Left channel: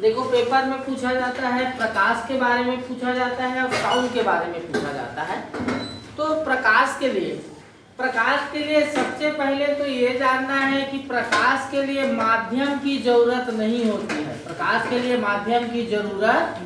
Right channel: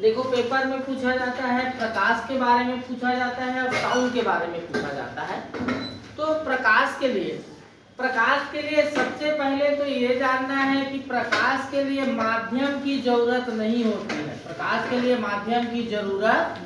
देखो पेपर में पूछा जाता है, प्रकाश के बारे में पूछा जाता है और साउंड के बारे में पूछा जाता है। तो प्रकाश के लिए सबसे पहले तो ये जानना है कि प्रकाश के लिए माध्यम की जरूरत नहीं होती है। प्रकाश के लिए माध्यम की जरूरत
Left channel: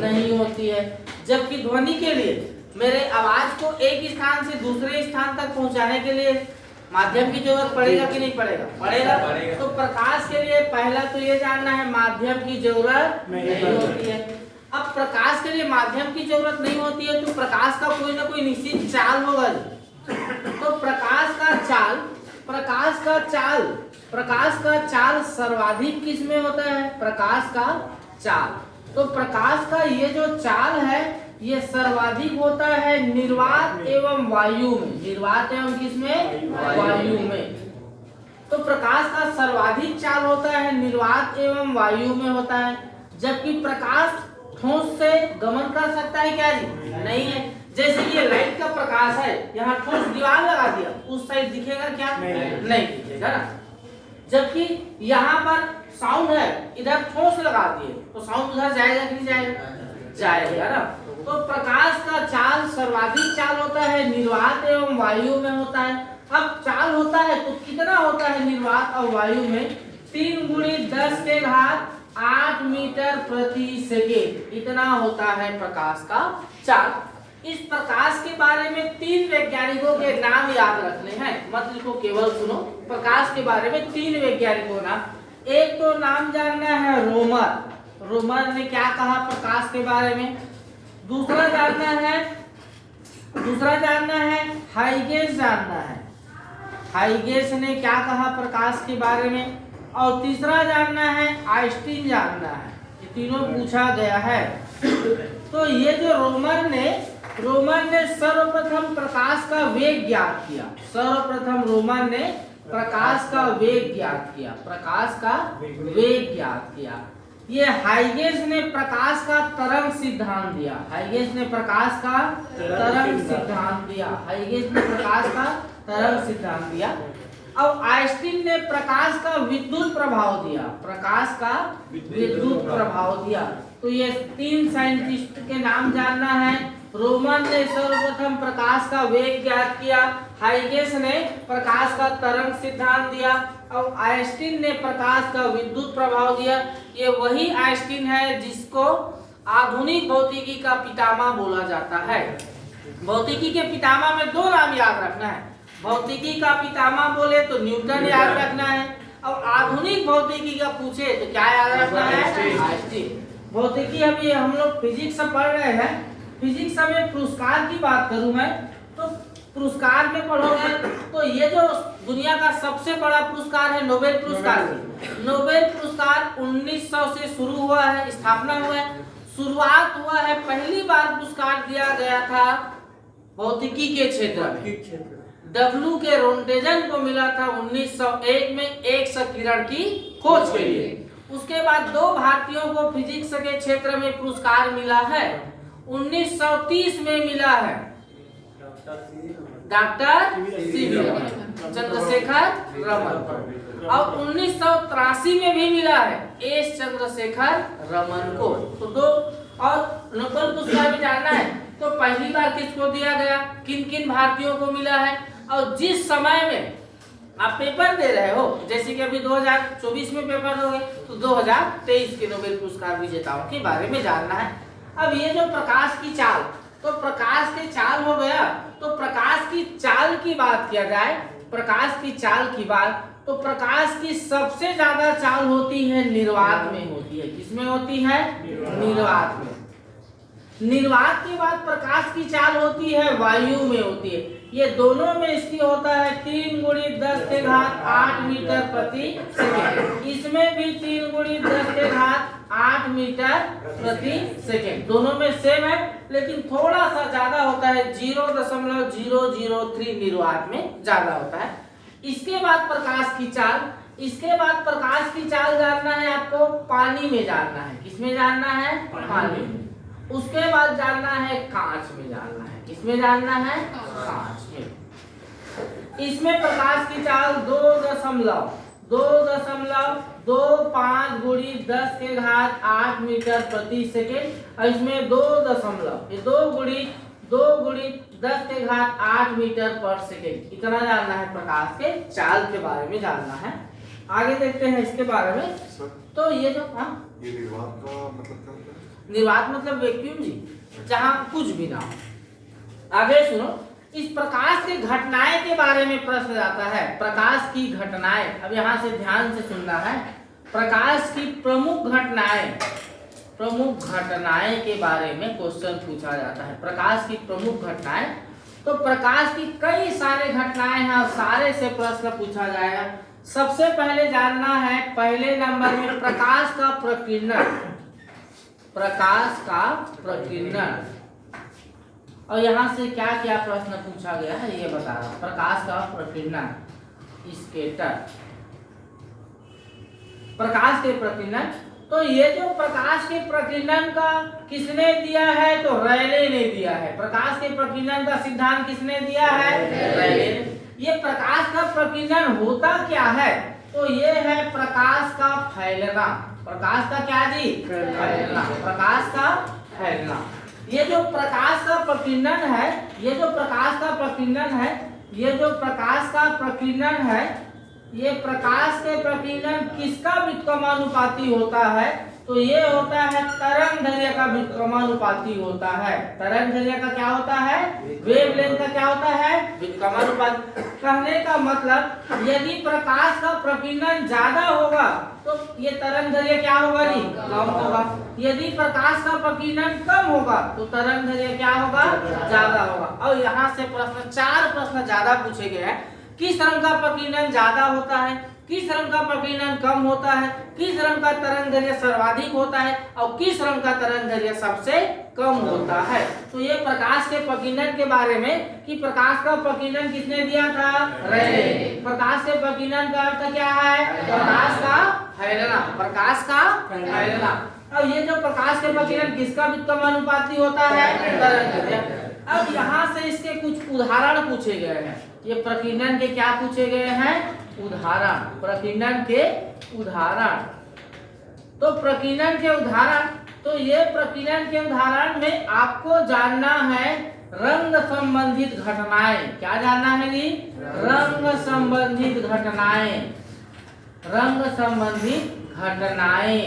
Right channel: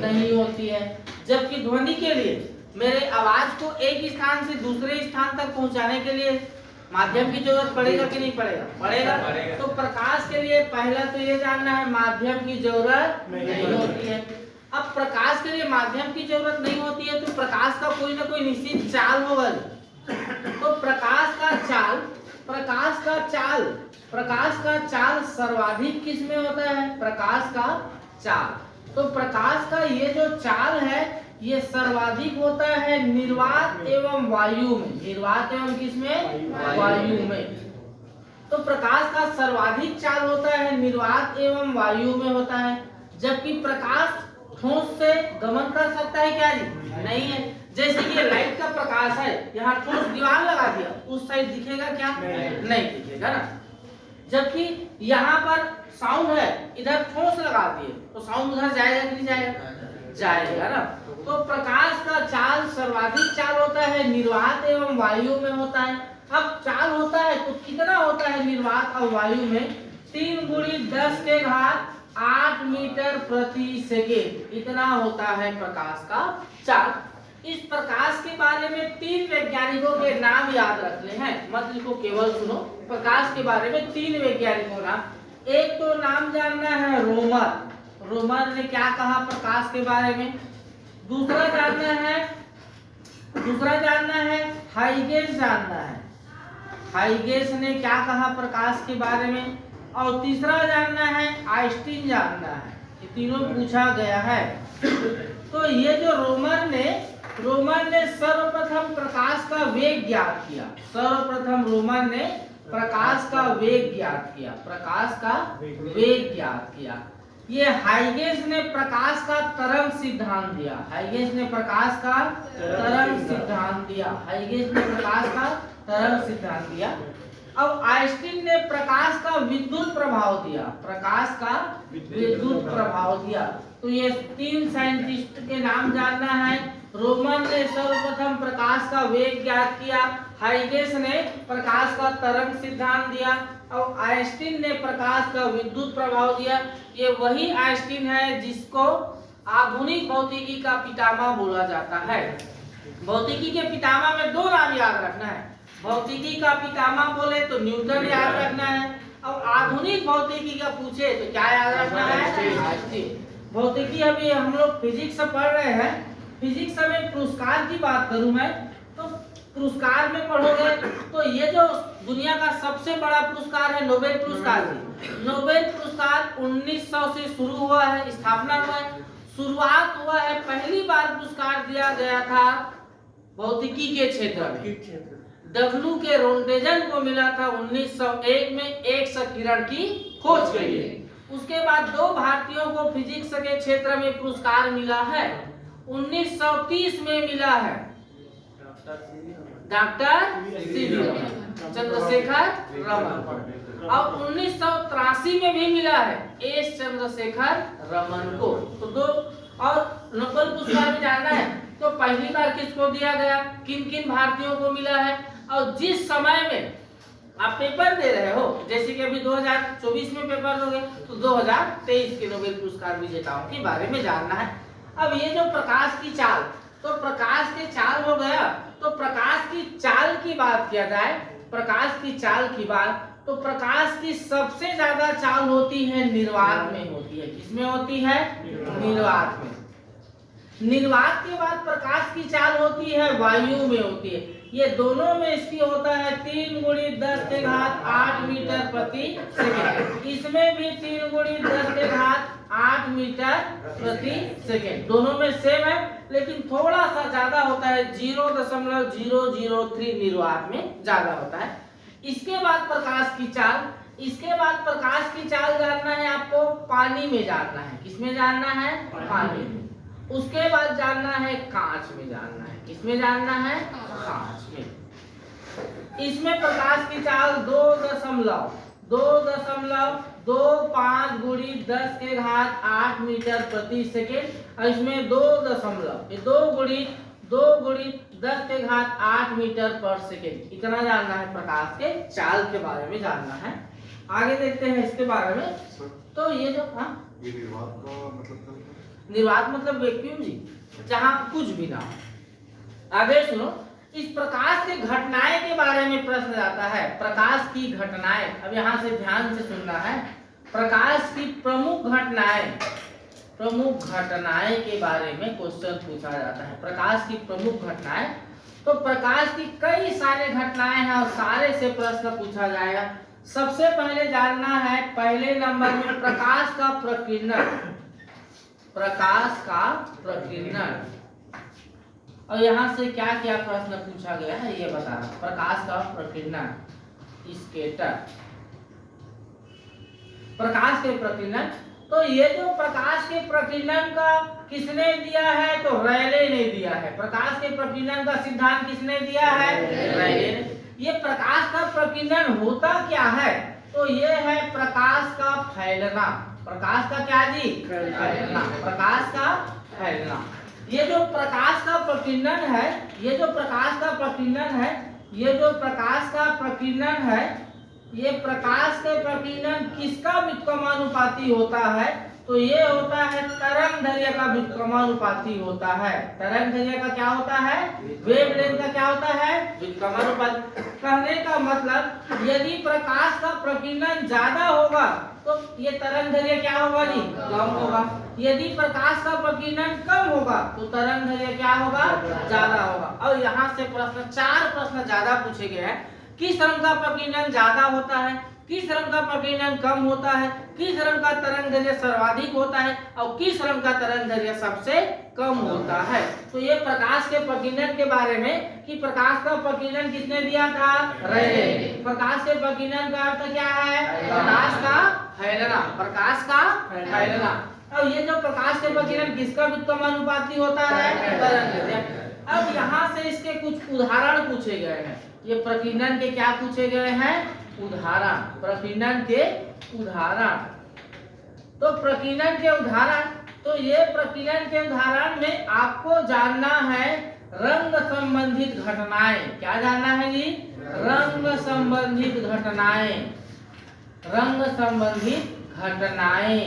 नहीं होती है, जबकि ध्वनि के लिए मेरे आवाज को एक स्थान से दूसरे स्थान तक पहुंचाने के लिए माध्यम की जरूरत पड़ेगा कि नहीं पड़ेगा? पड़ेगा। तो प्रकाश के लिए पहला तो ये जानना है माध्यम की जरूरत नहीं होती है। अब प्रकाश के लिए माध्यम की जरूरत नहीं होती है तो प्रकाश का कोई ना कोई निश्चित चाल होगा। तो प्रकाश का चाल सर्वाधिक किस में होता है? प्रकाश का चाल। तो प्रकाश का ये जो चाल है ये सर्वाधिक होता है निर्वात एवं वायु में। निर्वात एवं किस में? वायु में। तो प्रकाश का सर्वाधिक चाल होता है निर्वात एवं वायु में होता है, जबकि प्रकाश ठोस से गमन कर सकता है क्या जी? नहीं है। जैसे कि ये लाइट का प्रकाश है, यहाँ ठोस दीवार लगा दिया, उस साइड दिखेगा क्या? नहीं दिखेगा ना। जबकि यहाँ पर साउंड है, इधर ठोस लगा दिए तो साउंड उधर जाएगा कि नहीं जाएगा? जाएगा ना। तो प्रकाश का चाल सर्वाधिक चाल होता है निर्वात एवं वायु में होता है। अब चाल होता है तो कितना होता है निर्वात और वायु में? 3 × 10⁸ मीटर प्रति सेकेंड, इतना होता है प्रकाश का चाल। इस प्रकाश के बारे में 3 वैज्ञानिकों के नाम याद रख ले हैं, मत लिखो, केवल सुनो। प्रकाश के बारे में 3 वैज्ञानिकों नाम। एक तो नाम जानना है रोमर ने क्या कहा प्रकाश के बारे में। दूसरा जानना है हाइगेस जानना है, हाइगेस ने क्या कहा प्रकाश के बारे में। और तीसरा जानना है आइंस्टीन जानना है। ये तीनों पूछा गया है। तो ये जो रोमर ने सर्वप्रथम प्रकाश का वेग ज्ञात किया। सर्वप्रथम रोमर ने प्रकाश का वेग ज्ञात किया। ये हाइगेस ने प्रकाश का तरंग सिद्धांत दिया। अब आइंस्टीन ने प्रकाश का विद्युत प्रभाव दिया। तो ये 3 साइंटिस्ट के नाम जानना है। रोमन ने सर्वप्रथम प्रकाश का वेग ज्ञात किया, हाइगेस ने प्रकाश का तरंग सिद्धांत दिया और आइंस्टीन ने प्रकाश का विद्युत प्रभाव दिया। ये वही आइंस्टीन है जिसको आधुनिक भौतिकी का पितामह बोला जाता है। भौतिकी के पितामह में 2 नाम याद रखना है। भौतिकी का पितामह बोले तो न्यूटन याद रखना है, और आधुनिक भौतिकी का पूछे तो क्या याद रखना है? आइंस्टीन। भौतिकी अभी हम लोग फिजिक्स पढ़ रहे हैं। फिजिक्स में पुरस्कार की बात करूं मैं तो पुरस्कार में पढ़ोगे तो ये जो दुनिया का सबसे बड़ा पुरस्कार है नोबेल पुरस्कार। नोबेल पुरस्कार 1900 से शुरू हुआ है, स्थापना हुआ है, शुरुआत हुआ है। पहली बार पुरस्कार दिया गया था भौतिकी के क्षेत्र में। डब्ल्यू के रोन्टेजन को मिला था 1901 में एक किरण की खोज के लिए। उसके बाद 2 भारतीयों को फिजिक्स के क्षेत्र में पुरस्कार मिला है। 1930 में मिला है डॉक्टर चंद्रशेखर रमन, और 1983 में भी मिला है एस चंद्रशेखर रमन को। तो 2 और नोबेल पुरस्कार भी जानना है तो पहली बार किसको दिया गया, किन भारतीयों को मिला है, और जिस समय में आप पेपर दे रहे हो, जैसे कि अभी 2024 में पेपर दोगे तो 2023 के नोबेल पुरस्कार विजेताओं के बारे में जानना है। अब ये जो प्रकाश की चाल, तो प्रकाश के चाल हो गया। तो प्रकाश की चाल की बात किया जाए, तो प्रकाश की सबसे ज्यादा चाल होती है निर्वात में होती है। किसमें होती है? निर्वात में। निर्वात के बाद प्रकाश की चाल होती है वायु में होती है। ये दोनों में इसकी होता है 3 × 10⁸ मीटर प्रति सेकेंड। इसमें भी 3 × 10⁸ मीटर प्रति सेकेंड। दोनों में सेम है, लेकिन थोड़ा सा ज्यादा होता है, 0.003 निर्वात में ज्यादा होता है। इसके बाद प्रकाश की चाल जानना है आपको, पानी में जानना है। किसमें जानना है? पानी में। उसके बाद जानना है कांच में जानना है। किसमें जानना है? कांच में। इसमें प्रकाश की चाल 2.25 गुणी 10⁸ मीटर प्रति सेकेंड, और इसमें 2 गुणी 10⁸ मीटर पर सेकेंड। इतना जानना है प्रकाश के चाल के बारे में जानना है। आगे देखते हैं इसके बारे में। तो ये जो ये निर्वात का मतलब क्या होता है? निर्वात मतलब वैक्यूम जी, जहाँ कुछ भी ना हो। आगे सुनो, इस प्रकाश के घटनाएं के बारे में प्रश्न आता है। प्रकाश की घटनाएं, अब यहाँ से ध्यान से सुनना है। प्रकाश की प्रमुख घटनाएं के बारे में क्वेश्चन पूछा जाता है। प्रकाश की प्रमुख घटनाएं, तो प्रकाश की कई सारे घटनाएं हैं और सारे से प्रश्न पूछा जाएगा। सबसे पहले जानना है, पहले नंबर में प्रकाश का प्रकीर्णन, और यहाँ से क्या क्या प्रश्न पूछा गया है ये बता रहा हूं। प्रकाश का प्रकीर्णन, स्कैटर, प्रकाश के प्रकीर्णन। तो ये जो प्रकाश के प्रकीर्णन का किसने दिया है, तो रेले ने दिया है। प्रकाश के प्रकीर्णन का सिद्धांत किसने दिया है, रेले ने। ये प्रकाश का प्रकीर्णन होता क्या है, तो ये है प्रकाश का फैलना। प्रकाश का क्या जी, फैलना, प्रकाश का फैलना। ये जो प्रकाश का प्रकीर्णन है, ये जो प्रकाश का प्रकीर्णन है, ये प्रकाश के प्रकीर्णन किसका व्युत्क्रमानुपाती होता है, तो ये होता है तरंगदैर्घ्य का व्युत्क्रमानुपाती होता है। तरंगदैर्घ्य का क्या होता है, वेवलेंथ का क्या होता है, व्युत्क्रमानुपाती। कहने का मतलब यदि प्रकाश का प्रकीर्णन ज्यादा होगा तो ये तरंगदैर्घ्य क्या होगा जी, कम होगा। यदि प्रकाश का प्रकीर्णन कम होगा तो तरंगदैर्घ्य क्या होगा, ज्यादा होगा। और यहाँ से प्रश्न 4 प्रश्न ज्यादा पूछे गए हैं। किस रंग का प्रकीर्णन ज्यादा होता है, किस रंग का प्रकीर्णन कम होता है, किस रंग का तरंगदैर्घ्य सर्वाधिक होता है, और किस रंग का तरंगदैर्घ्य सबसे कम होता है। तो ये प्रकाश के प्रकीर्णन के बारे में कि प्रकाश का प्रकीर्णन किसने दिया था, रेले। प्रकाश के प्रकीर्णन का अर्थ क्या है, प्रकाश का फैलना, प्रकाश का फैलना। अब ये जो प्रकाश के प्रकीर्णन किसका व्युत्क्रमानुपाती होता है, तरंगदैर्घ्य। अब यहाँ से इसके कुछ उदाहरण पूछे गए हैं। ये प्रकीर्णन के क्या पूछे गए हैं, उदाहरण, प्रकीर्णन के उदाहरण। तो प्रकीर्णन के उदाहरण, तो ये प्रकीर्णन के उदाहरण में आपको जानना है रंग संबंधित घटनाएं। क्या जानना है जी, रंग संबंधित घटनाएं, रंग संबंधित घटनाएं,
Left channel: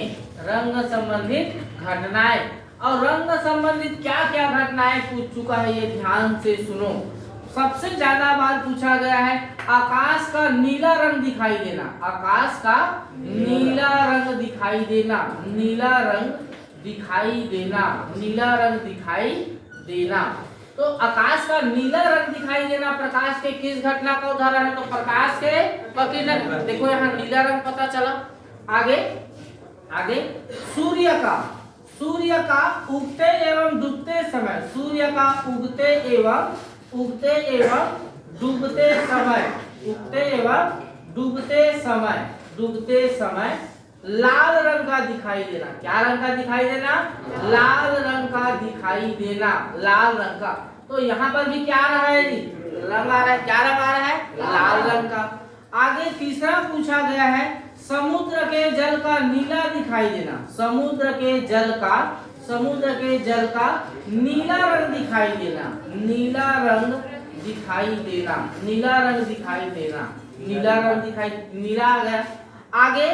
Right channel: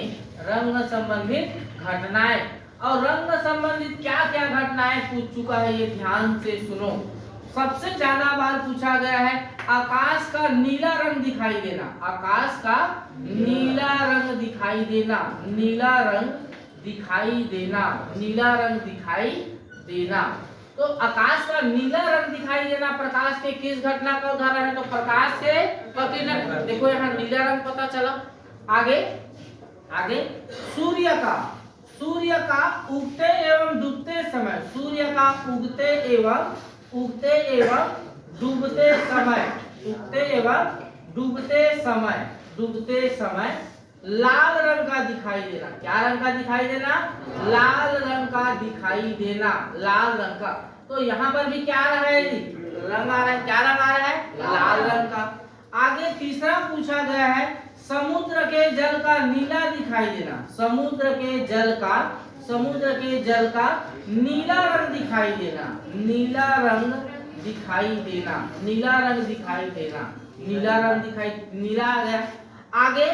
रंग संबंधित घटनाएं। और रंग संबंधित क्या क्या घटनाएं पूछ चुका है, ये ध्यान से सुनो। सबसे ज्यादा बार पूछा गया है आकाश का नीला रंग दिखाई देना, आकाश का नीला रंग दिखाई देना, नीला रंग दिखाई देना, नीला रंग दिखाई देना। तो आकाश का नीला रंग दिखाई देना प्रकाश के किस घटना का उदाहरण है, तो प्रकाश के प्रकीर्णन। देखो यहाँ नीला रंग पता चला। आगे सूर्य का उगते एवं डूबते समय, सूर्य का उगते एवं डूबते समय, उगते एवं डूबते समय लाल रंग का दिखाई देना। क्या रंग का दिखाई देना, लाल रंग का दिखाई देना, लाल रंग का। तो यहाँ पर भी क्या आ रहा है जी, रंग आ रहा है। क्या रंग आ रहा है, लाल रंग का। आगे तीसरा पूछा गया है समुद्र के जल का नीला दिखाई देना, समुद्र के जल का नीला रंग दिखाई देना, नीला रंग दिखाई देना, नीला रंग दिखाई देना, नीला रंग दिखाई, नीला आ गया। आगे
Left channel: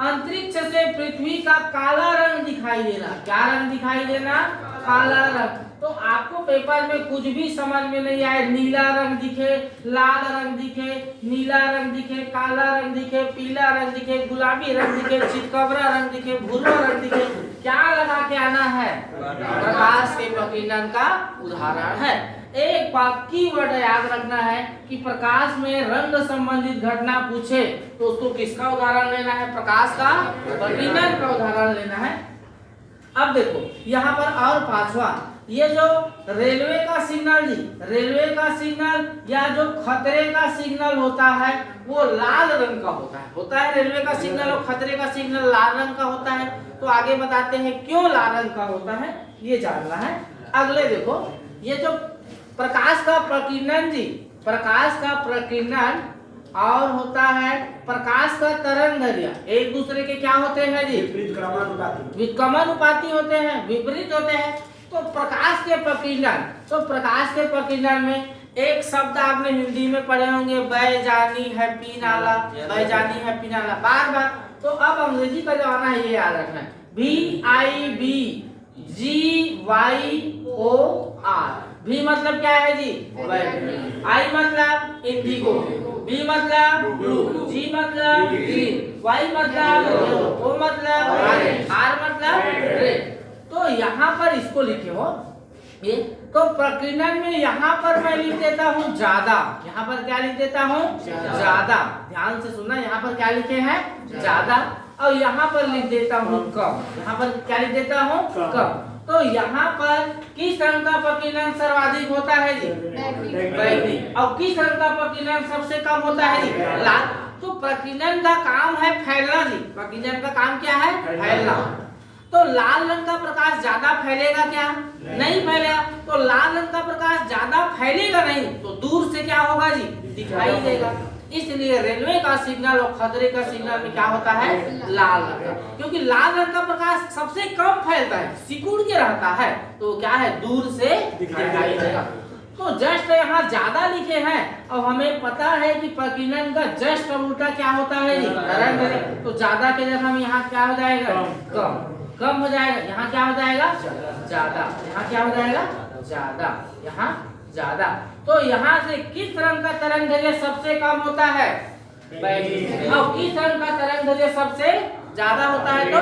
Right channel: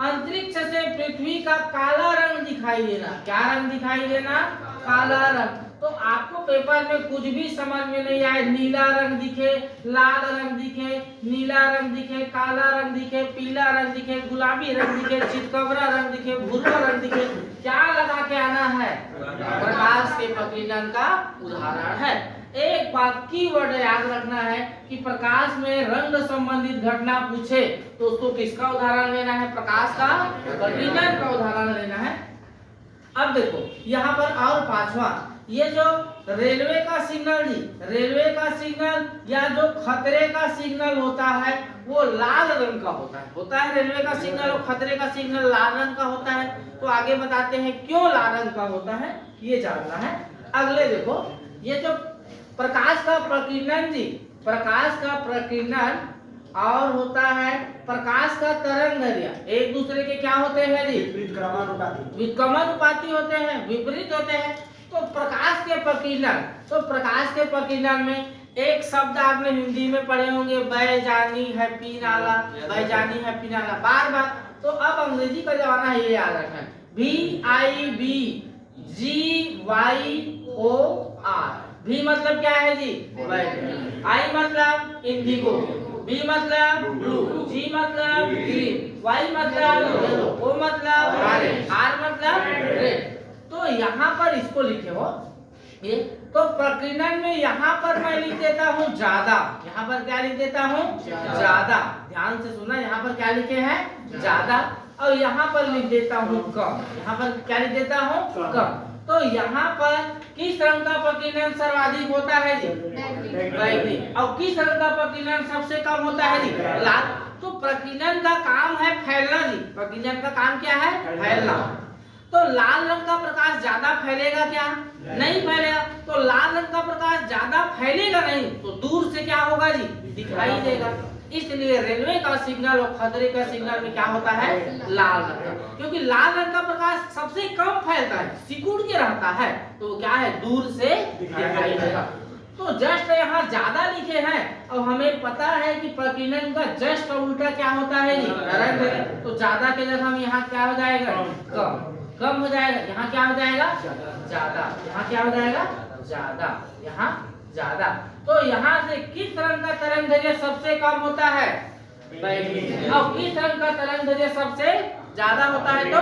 अंतरिक्ष से पृथ्वी का काला रंग दिखाई देना। क्या रंग दिखाई देना, काला रंग। तो आपको पेपर में कुछ भी समझ में नहीं आए, नीला रंग दिखे, लाल रंग दिखे, नीला रंग दिखे, काला रंग दिखे, पीला रंग दिखे, गुलाबी रंग दिखे, चितकबरा रंग दिखे, भूरा रंग दिखे, क्या लगा के आना है, प्रकाश के प्रकीर्णन का उदाहरण है। एक बात की वर्ड याद रखना है कि प्रकाश में रंग संबंधित घटना पूछे तो उसको किसका उदाहरण लेना है, प्रकाश का प्रकीर्णन का उदाहरण लेना है। अब देखो यहाँ पर और 5वां, ये जो रेलवे का सिग्नल जी, रेलवे का सिग्नल या जो खतरे का सिग्नल होता है वो लाल रंग का होता है रेलवे का सिग्नल और खतरे का सिग्नल लाल रंग का होता है। तो आगे बताते हैं क्यों लाल रंग का होता है, ये जानना है। अगले देखो, ये जो प्रकाश का प्रकीर्णन जी, प्रकाश का प्रकीर्णन और होता है प्रकाश का तरंगदैर्घ्य। एक दूसरे के क्या होते हैं जी? व्युत्क्रमानुपाती होते हैं, विपरीत होते हैं। तो प्रकाश के प्रकीर्णन, तो प्रकाश के प्रकीर्णन में एक शब्द आपने हिंदी में पढ़े होंगे, बैजानी है पीनाला, बैजानी है पीनाला, बार बार। तो अब अंग्रेजी का जमाना है, ये याद रखना, VIBGYOR। भी मतलब क्या है जी? आई मतलब इंडिगो, बी मतलब ब्लू, जी मतलब ग्रीन, वाई मतलब येलो, ओ मतलब ऑरेंज, आर मतलब रेड। तो यहाँ पर इसको लिखे हो ये। तो प्रकीर्णन में यहाँ पर मैं लिख देता हूँ ज्यादा। यहाँ पर क्या लिख देता हूँ? ज्यादा। ध्यान से सुनना, यहाँ पर क्या लिखे हैं? ज्यादा। और यहाँ पर लिख देता हूँ कम। यहाँ पर क्या लिख देता हूँ? कम। तो यहाँ पर किस रंग का प्रकीर्णन सर्वाधिक होता है जी? बैगनी। और किस रंग का प्रकीर्णन सबसे कम होता है जी? लाल। तो प्रकीर्णन का काम है फैलना जी। प्रकीर्णन का काम क्या है? फैलना। तो लाल रंग का प्रकाश ज्यादा फैलेगा क्या? नहीं फैलेगा। तो लाल रंग का प्रकाश ज्यादा फैलेगा नहीं, तो दूर से क्या होगा जी? दिखाई देगा। इसलिए रेलवे का सिग्नल और खतरे का सिग्नल में क्या होता है? लाल रंग का। क्योंकि लाल रंग का प्रकाश सबसे कम फैलता है, सिकुड़ के रहता है, तो क्या है? दूर से दिखाई देगा। तो जस्ट यहाँ ज्यादा लिखे हैं, और हमें पता है कि प्रकीर्णन का जस्ट उल्टा क्या होता है जी? तरंगदैर्घ्य। तो ज्यादा के जगह हम यहाँ क्या हो जाएगा? कम। कम हो जाएगा, यहाँ क्या हो जाएगा? ज्यादा। यहाँ क्या हो जाएगा? ज्यादा। यहाँ ज्यादा। तो यहाँ से किस रंग का तरंगदैर्घ्य सबसे कम होता है? बैगनी। और किस रंग का तरंगदैर्घ्य सबसे ज्यादा होता है? तो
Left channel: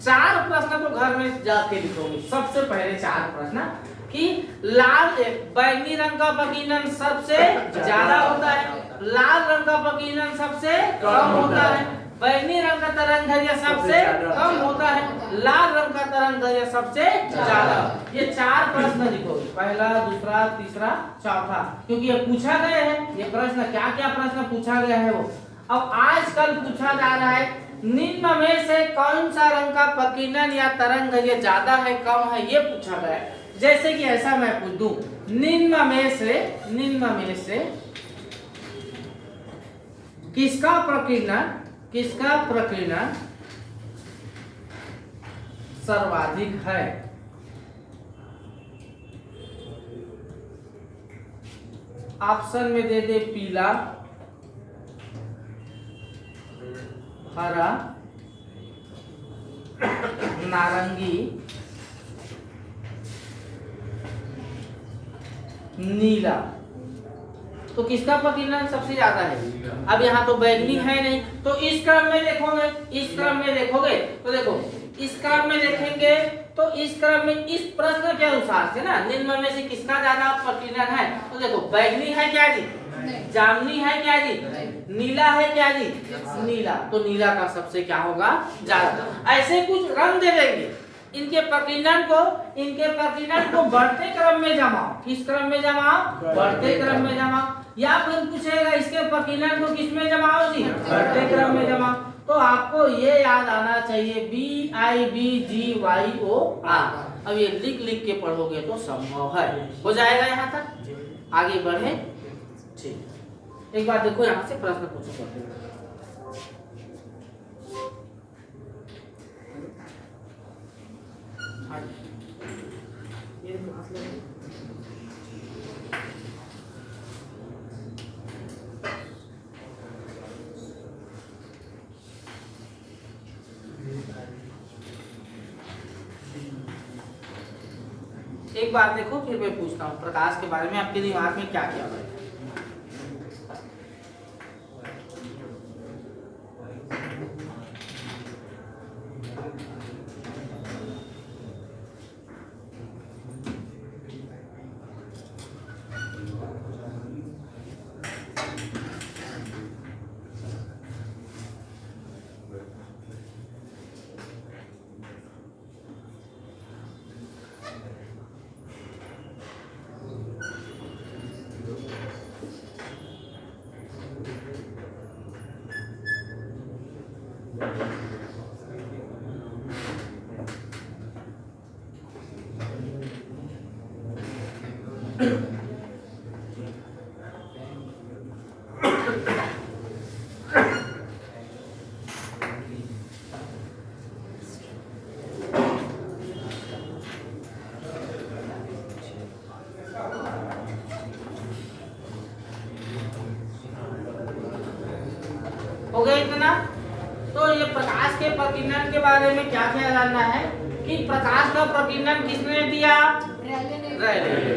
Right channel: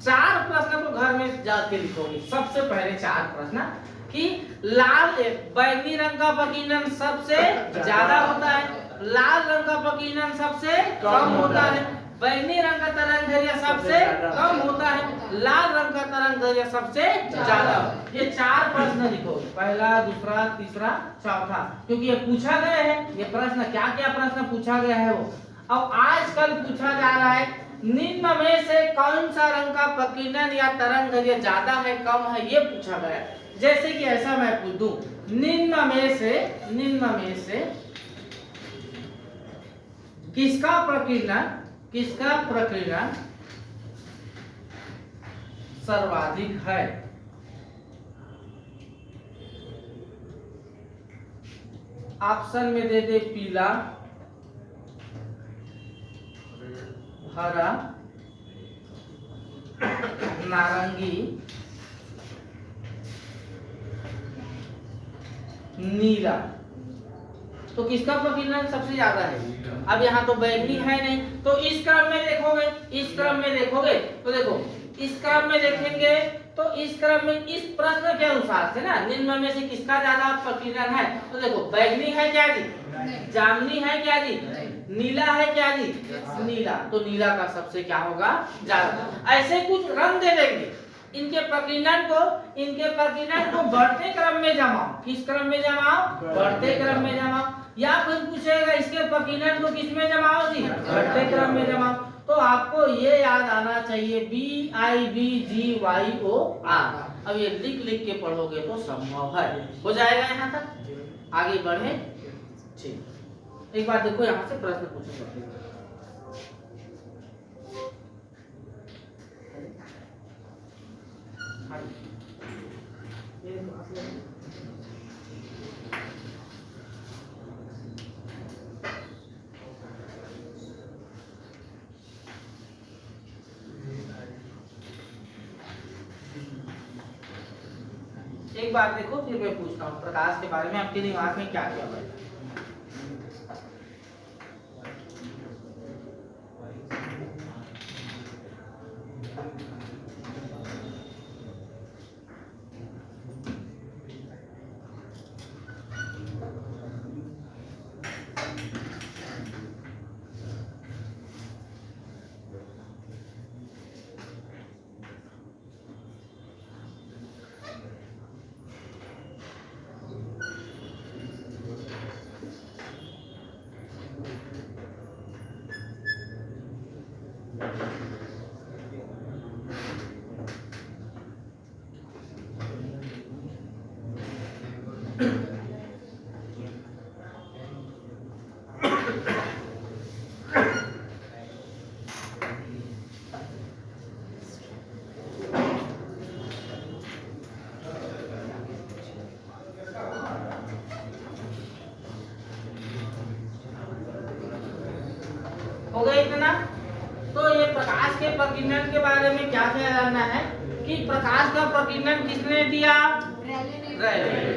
4 प्रश्न तो घर में जाके लिखोगे। सबसे पहले 4 प्रश्न कि लाल बैगनी रंग का प्रकीर्णन सबसे ज्यादा होता है, लाल रंग का प्रकीर्णन सबसे कम होता है, बैगनी रंग का तरंगदैर्घ्य सबसे कम होता है, लाल रंग का तरंगदैर्घ्य सबसे ज्यादा। ये 4 प्रश्न लिखोगे, पहला, दूसरा, तीसरा, चौथा, क्योंकि ये पूछा गया है। ये प्रश्न क्या क्या प्रश्न पूछा गया है वो अब आजकल पूछा जा रहा है। निम्न में से कौन सा रंग का प्रकीर्णन या तरंगदैर्घ्य ज्यादा है, कम है, ये पूछा गया है। जैसे कि ऐसा मैं पूछ दूं, निम्न में से किसका प्रकीर्णन सर्वाधिक है? ऑप्शन में दे दे पीला, हरा, नारंगी, नीला। तो किसका प्रकीर्णन सबसे ज्यादा है? अब यहाँ तो बैगनी है नहीं, तो इस क्रम में देखोगे तो देखो, इस क्रम में देखेंगे तो इस क्रम में इस प्रश्न के अनुसार से ना, निम्न में से किसका ज्यादा प्रकीर्णन है? तो देखो, बैगनी है क्या जी? जामुनी है क्या जी? नीला है क्या जी? नीला। तो नीला का सबसे क्या होगा? ज्यादा। ऐसे कुछ रंग दे देंगे, इनके प्रकीर्णन को बढ़ते क्रम में जमाओ। किस क्रम में जमाओ? बढ़ते क्रम में जमाओ। या फिर पूछेगा इसके प्रकीर्णन को किस में जमाओ जी? बढ़ते क्रम में जमाओ। तो आपको ये याद आना चाहिए, BIBGYOR। अब ये लिख के पढ़ोगे तो संभव है, हो जाएगा। यहाँ तक आगे बढ़े। ठीक, एक बार देखो, यहाँ से प्रश्न पूछूंगा। एक बार देखो, फिर मैं पूछता हूँ प्रकाश के बारे में आपके दिमाग में क्या क्या है। तो ये प्रकाश के प्रकीर्णन के बारे में क्या क्या जानना है कि प्रकाश का प्रकीर्णन किसने दिया? रैले।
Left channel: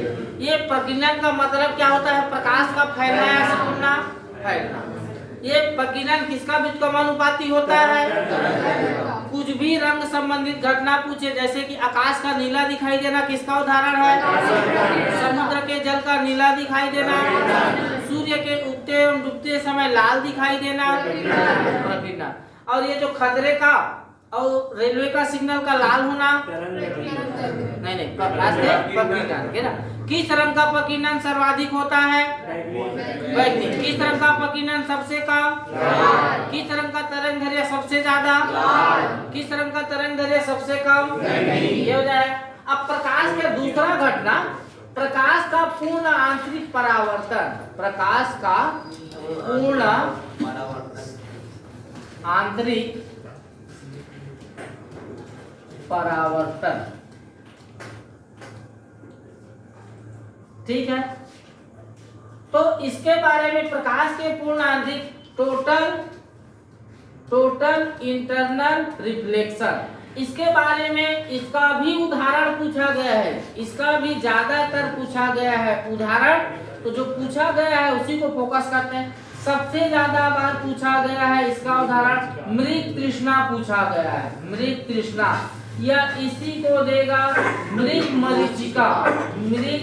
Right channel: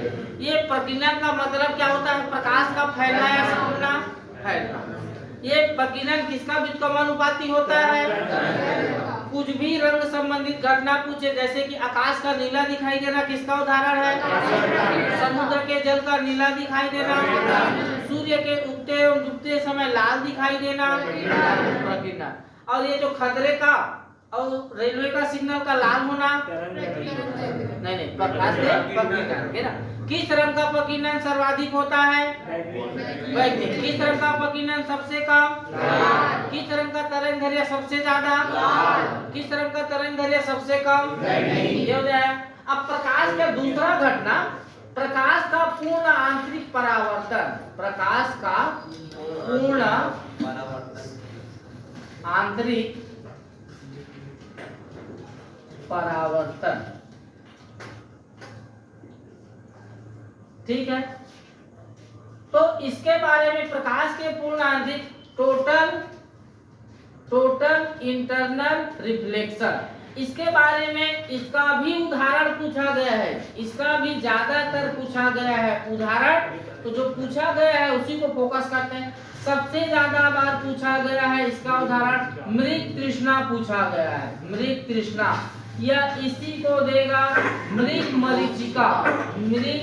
ये प्रकीर्णन का मतलब क्या होता है? प्रकाश का फैलना या सिकुड़ना? फैलना। ये प्रकीर्णन किसका व्युत्क्रमानुपाती होता है? कुछ भी रंग संबंधित घटना पूछे, जैसे कि आकाश का नीला दिखाई देना, किसका उदाहरण है? समुद्र के जल का नीला दिखाई देना, सूर्य के उगते एवं डूबते समय लाल दिखाई देना, प्रकीर्णन। और ये जो खतरे का और रेलवे का सिग्नल का लाल होना, नहीं प्रकाश के प्रकीर्णन के ना। किस रंग का प्रकीर्णन सर्वाधिक होता है? बैगनी। किस रंग का प्रकीर्णन सबसे कम? किस रंग का तरंगदैर्घ्य सबसे ज्यादा? किस रंग का तरंगदैर्घ्य सबसे कम? ये हो जाए। अब प्रकाश का दूसरा घटना, प्रकाश का पूर्ण आंतरिक परावर्तन। प्रकाश का पूर्ण आंतरिक परावर्तन, ठीक है। तो इसके बारे में प्रकाश के पूर्ण आंतरिक टोटल इंटरनल रिफ्लेक्शन, इसके बारे में इसका भी उदाहरण पूछा गया है। इसका भी ज्यादातर पूछा गया है उदाहरण। तो जो पूछा गया है उसी को फोकस करते हैं। सबसे ज्यादा बार पूछा गया है इसका उदाहरण मृग तृष्णा पूछा गया है। मृग तृष्णा या इसी को देगा मृग मरीचिका। मृग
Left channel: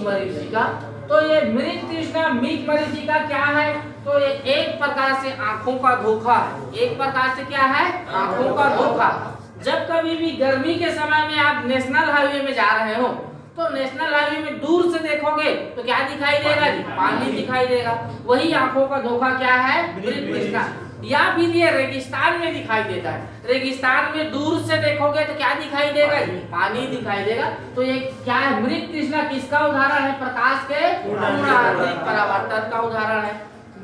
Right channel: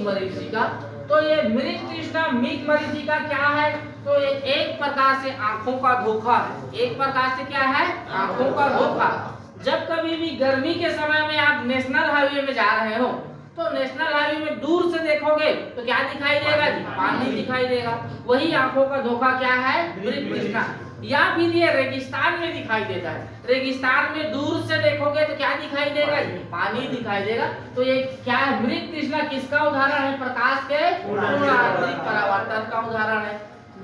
मरीचिका। तो ये मृग तृष्णा मृग मरीचिका क्या है? तो ये एक प्रकार से आंखों का धोखा है। एक प्रकार से क्या है? आंखों का धोखा। जब कभी भी गर्मी के समय में आप नेशनल हाईवे में जा रहे हो तो नेशनल हाईवे में दूर से देखोगे तो क्या दिखाई देगा जी? पानी दिखाई देगा। वही आंखों का धोखा क्या है? मृग तृष्णा। या फिर ये रेगिस्तान में दिखाई देता है। रेगिस्तान में दूर से देखोगे तो क्या दिखाई देगा? पानी दिखाई देगा। तो ये क्या है? मृग तृष्णा किसका उदाहरण है? प्रकाश के पूर्ण आंतरिक परावर्तन का उदाहरण है।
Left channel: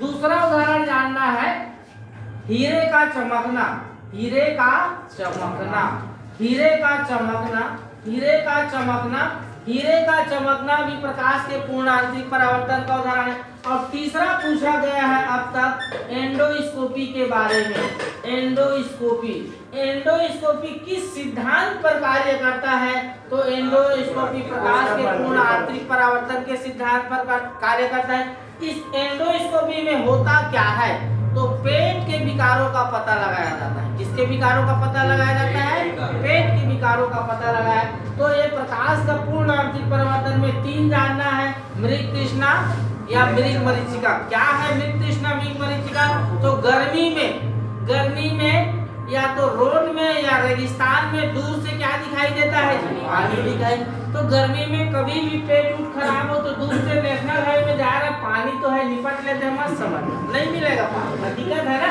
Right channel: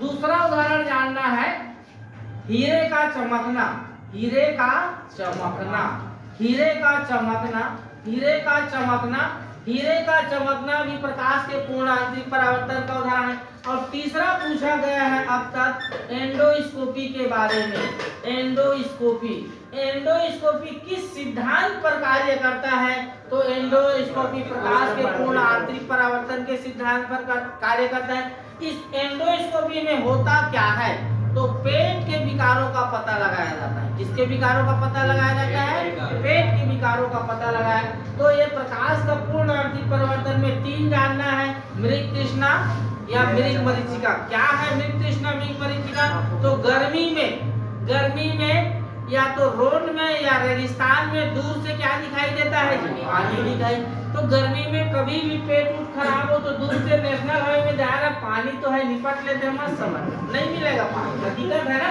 दूसरा उदाहरण जानना है हीरे का चमकना। हीरे का चमकना, हीरे का चमकना, हीरे का चमकना, हीरे का चमकना भी प्रकाश के पूर्ण आंतरिक परावर्तन का उदाहरण है। और तीसरा पूछा गया है अब तक एंडोस्कोपी के बारे में। एंडोस्कोपी, एंडोस्कोपी किस सिद्धांत पर कार्य करता है? तो एंडोस्कोपी प्रकाश के पूर्ण आंतरिक परावर्तन के सिद्धांत पर कार्य करता है। इस एंडोस्कोपी में होता क्या है? तो पेट के विकारों का पता लगाया जाता है। किसके विकारों का पता लगाया जाता है? पेट के विकारों का पता लगाया। तो ये प्रकाश का पूर्ण आंतरिक परावर्तन में तीन जानना है, मृग तृष्णा या मृग मरीचिका। क्या है मृग तृष्णा मृग मरीचिका? तो गर्मी में या तो रोड में या रेगिस्तान में दूर से क्या दिखाई देता है? पानी दिखाई। तो गर्मी में कभी भी पेट उठ खराब हो तो दूर से नेशनल हाईवे में जा रहा, पानी तो है, निपट लेते हैं, मत समझ नहीं मिलेगा पानी, हकीकत है ना।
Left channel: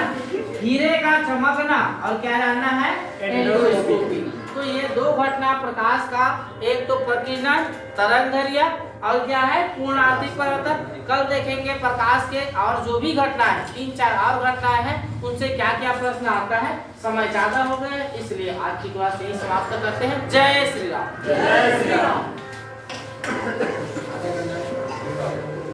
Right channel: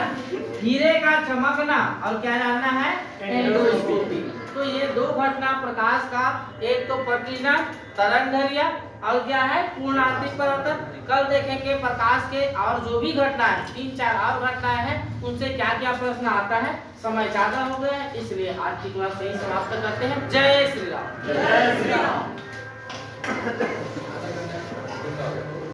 हीरे का चमकना और क्या जानना है? एंडोस्कोपी। तो ये दो घटना प्रकाश का, एक तो प्रकीर्णन तरंगदैर्घ्य और क्या है? पूर्ण आंतरिक परावर्तन। कल देखेंगे प्रकाश के और जो भी घटना है, 3-4 और घटनाएं हैं, उनसे क्या क्या प्रश्न आता है। समय ज्यादा हो गया है इसलिए आज की क्लास यही समाप्त करते हैं। जय श्री राम। जय श्री राम।